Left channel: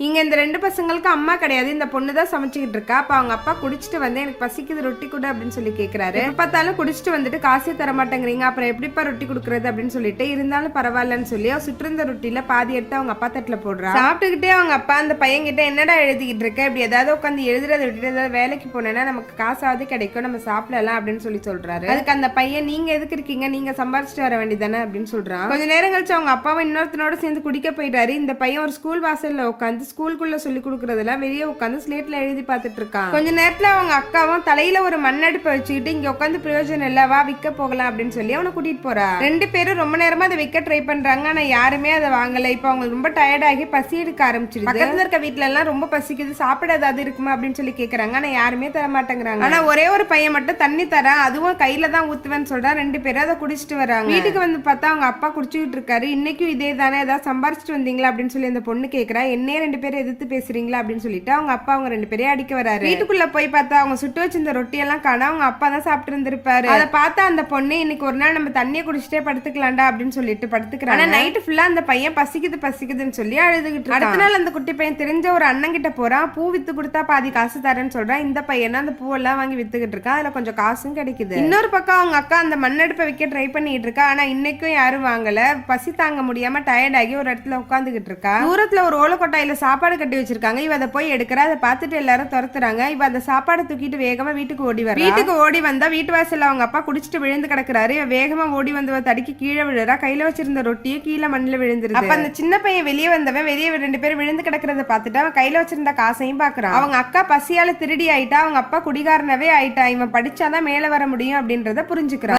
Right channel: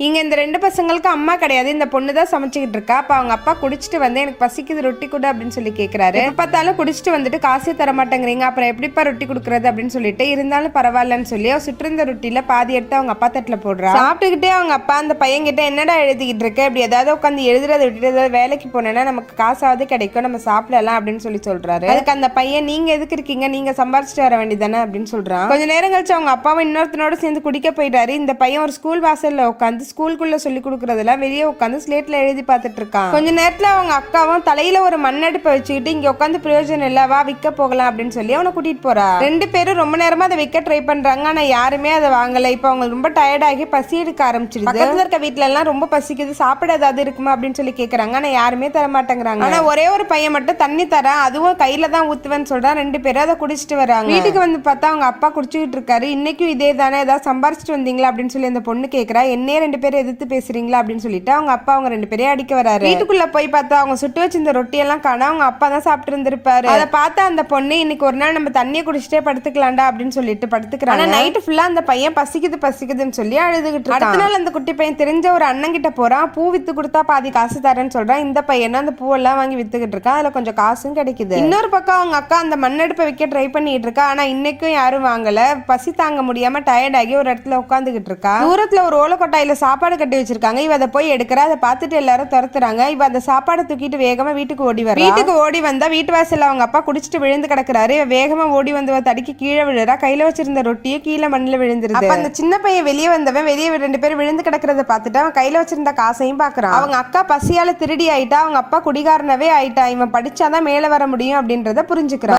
இங்க இந்த 2 பசங்களுக்கு அம்மா கிடையாது. இந்த பொண்ணு தான் சமைச்சுக்கிட்டு இருக்கா. அப்ப அவங்க அப்பா குடிச்சிட்டு வந்து எனக்கு பசிக்குது ரொட்டி கொடு அப்படின்னு சொல்லி கேக்குறாரு. எப்ப பார்த்தாலும் குடிச்சிட்டு வந்துட்டு காசே தர மாட்டேங்கிறீங்க, அப்புறம் எப்படிப்பா ரொட்டி கொடுக்கறது அப்படின்னு சொல்லிட்டு, இருந்தாலும் பரவாயில்லன்னு சொல்லி சுற்றிருந்த ரொட்டியில பாதி எடுத்து அவங்க அப்பா தட்டுல போடுறா. சாப்பிட்டுக்கிட்டே அவங்க அப்பா அந்த பையன் கிட்ட என்னடா எழுதிக்கிட்டு இருக்க, இப்படி ஏதாவது உட்காந்து எழுதுறத விட்டுட்டு ஏதாவது வேலைக்கு போனேன்னா நமக்கு காசாவது கிடைக்கும், நம்ம சாப்பிடலாம் அப்படின்னு சொல்லி சொல்றாரு. அதுக்கு அந்த பையன் நீங்க எதுக்கு இருக்கீங்க, நீங்க சம்பாரிச்சுட்டு வர வேண்டியதானே அப்படின்னு சொல்றான். கொஞ்ச நேரம் கழிச்சு அவங்க அப்பாவை இன்னொருத்தனோட சேர்ந்து குடிக்க போயிட்டாரு. இந்த பையன் ஒரு ஸ்கூல் வாசல்ல உட்காந்து ஸ்கூலுக்குள்ள சொல்லி கொடுக்கறதெல்லாம் வெளியே உட்காந்து ஸ்லேட்ல எழுதி பார்த்துட்டு இருக்கான். கொஞ்ச நேரத்துல அவங்க அக்காவும் தலையில ஒரு மண்ணடுப்பை வச்சுக்கிட்டு இங்க உட்காந்து பிரயோஜனம் இல்ல, வா விற்க போகலாம் அப்படின்னு சொல்லி அவனை கூட்டிட்டு போறா. 2 பேரும் ரொம்ப நேரமா அதை விற்க ட்ரை பண்றாங்க, ஆனா யாருமே அதை வாங்கல. இப்ப அவங்க ரொம்ப டயர்ட் ஆகி பசி எடுக்க ஆரம்பிச்சிடுது. பக்கத்துல இருக்க வீட்டுல எல்லாம் ரொம்ப பசிக்குது, சாப்பிட ஏதாவது இருக்குமா அப்படின்னு சொல்லி கேக்குறாங்க, ஆனா யாருமே தர மாட்டேங்கிறாங்க. ஆனா ஒரே ஒரு பையன் மட்டும் தண்ணி தரா, அதுவும் கையில தான் ஊத்துவேன்னு சொல்றான். 2 பேரும் அதை குடிச்சிட்டு வராங்க. வீட்டுக்கு வந்து பார்த்தா அவங்க அப்பா குடிச்சுக்கிட்டு இருக்காரு. இன்னைக்கும் இதே தானே, ஏதாவது சம்பாரிச்சிட்டு வந்தீங்களா அப்படின்னு சொல்லி அந்த பொண்ணு கேக்குறா. என்னையே 2 பேரும் எதிர்த்து பேசுறீங்களா அப்படின்னு சொல்லிட்டு அவங்க அப்பா அவங்க 2 பேரையும் அடிக்க வராரு. வீட்டுக்குள்ள போய் பார்த்தா அவங்க சுட்டு வச்சிருந்த ரொட்டி எல்லாம் காணா, அவங்க அப்பா தான் சாப்பிட்டு இருந்திருப்பாரு. அதை பார்த்தா அந்த பொண்ணு இன்னைக்கு ஒரு நாள் நம்ம தண்ணியை குடிச்சிட்டே படுத்துக்கலாம்டா அப்படின்னு சொல்லிட்டு படுத்துக்கிறாங்க. ஆனா நைட்டு ஃபுல்லா அந்த பையன் பசிக்குது பசிக்குதுன்னு சொல்லி அழுதுகிட்டு இருக்கான். அடுத்த நாள் அந்த குட்டி பையன் தெரிஞ்ச ஒரு அண்ணன் கிட்ட போறான். பூ வித்து கொடுத்தா பாதி காசு தரேன்னு சொல்றான். இந்த பையனும் அந்த பூவெல்லாம் வாங்கி வித்துக்கிட்டு இருக்கான். அதுல கொஞ்சம் காசும் கிடைக்குது. இன்னொரு பக்கம் அவங்க அக்கா அந்த மண்ணடுப்பை வைக்க ட்ரை பண்ணிட்டு இருக்கா, ஆனா இன்னைக்கும் யாரும் வாங்கல. பசி தாங்க முடியாம டயர்ட் ஆகி ஒரு இடத்துல உட்காந்துகிட்டு இருக்கா. தூரத்துல ஒரு ஓலக்கொட்டாயில சாப்பாடு கட்டி வச்சிருக்காங்க. இவ அதை போய் எடுக்கிறா. அதை பார்த்துட்டு எல்லாரும் துரத்துறாங்க. இவ அந்த சாப்பாடை தூக்கிட்டு வேகமா வீட்டுக்கு ஓடி வர. வீட்டுக்கு ஓடி வந்தா வீட்டு வாசல்ல அவங்க அப்பா குடிச்சிட்டு விழுந்து கிடக்குறாரு. வேகமா ஓடி வந்தவ தடிக்கு கீழே விழுறா. கையில வச்சிருந்த ரொட்டியை கீழே மண்ணில் விழுந்துருது. அப்ப அந்த சின்ன பையன் வெளியே வந்தவன் வெளியே 2 பேரும் விழுந்து கிடக்கிறத பார்த்துட்டு அவன் கையில வச்சிருந்த காசையும் பாக்குறான். அவங்க அக்கா பசியால திருடி ஆயிட்டா, அவங்க அப்பா குடிகாரனவே ஆயிட்டா. இவன் படிச்சாதான் மேல வர முடியும் அப்படின்றத புரிஞ்சுக்கிறான்.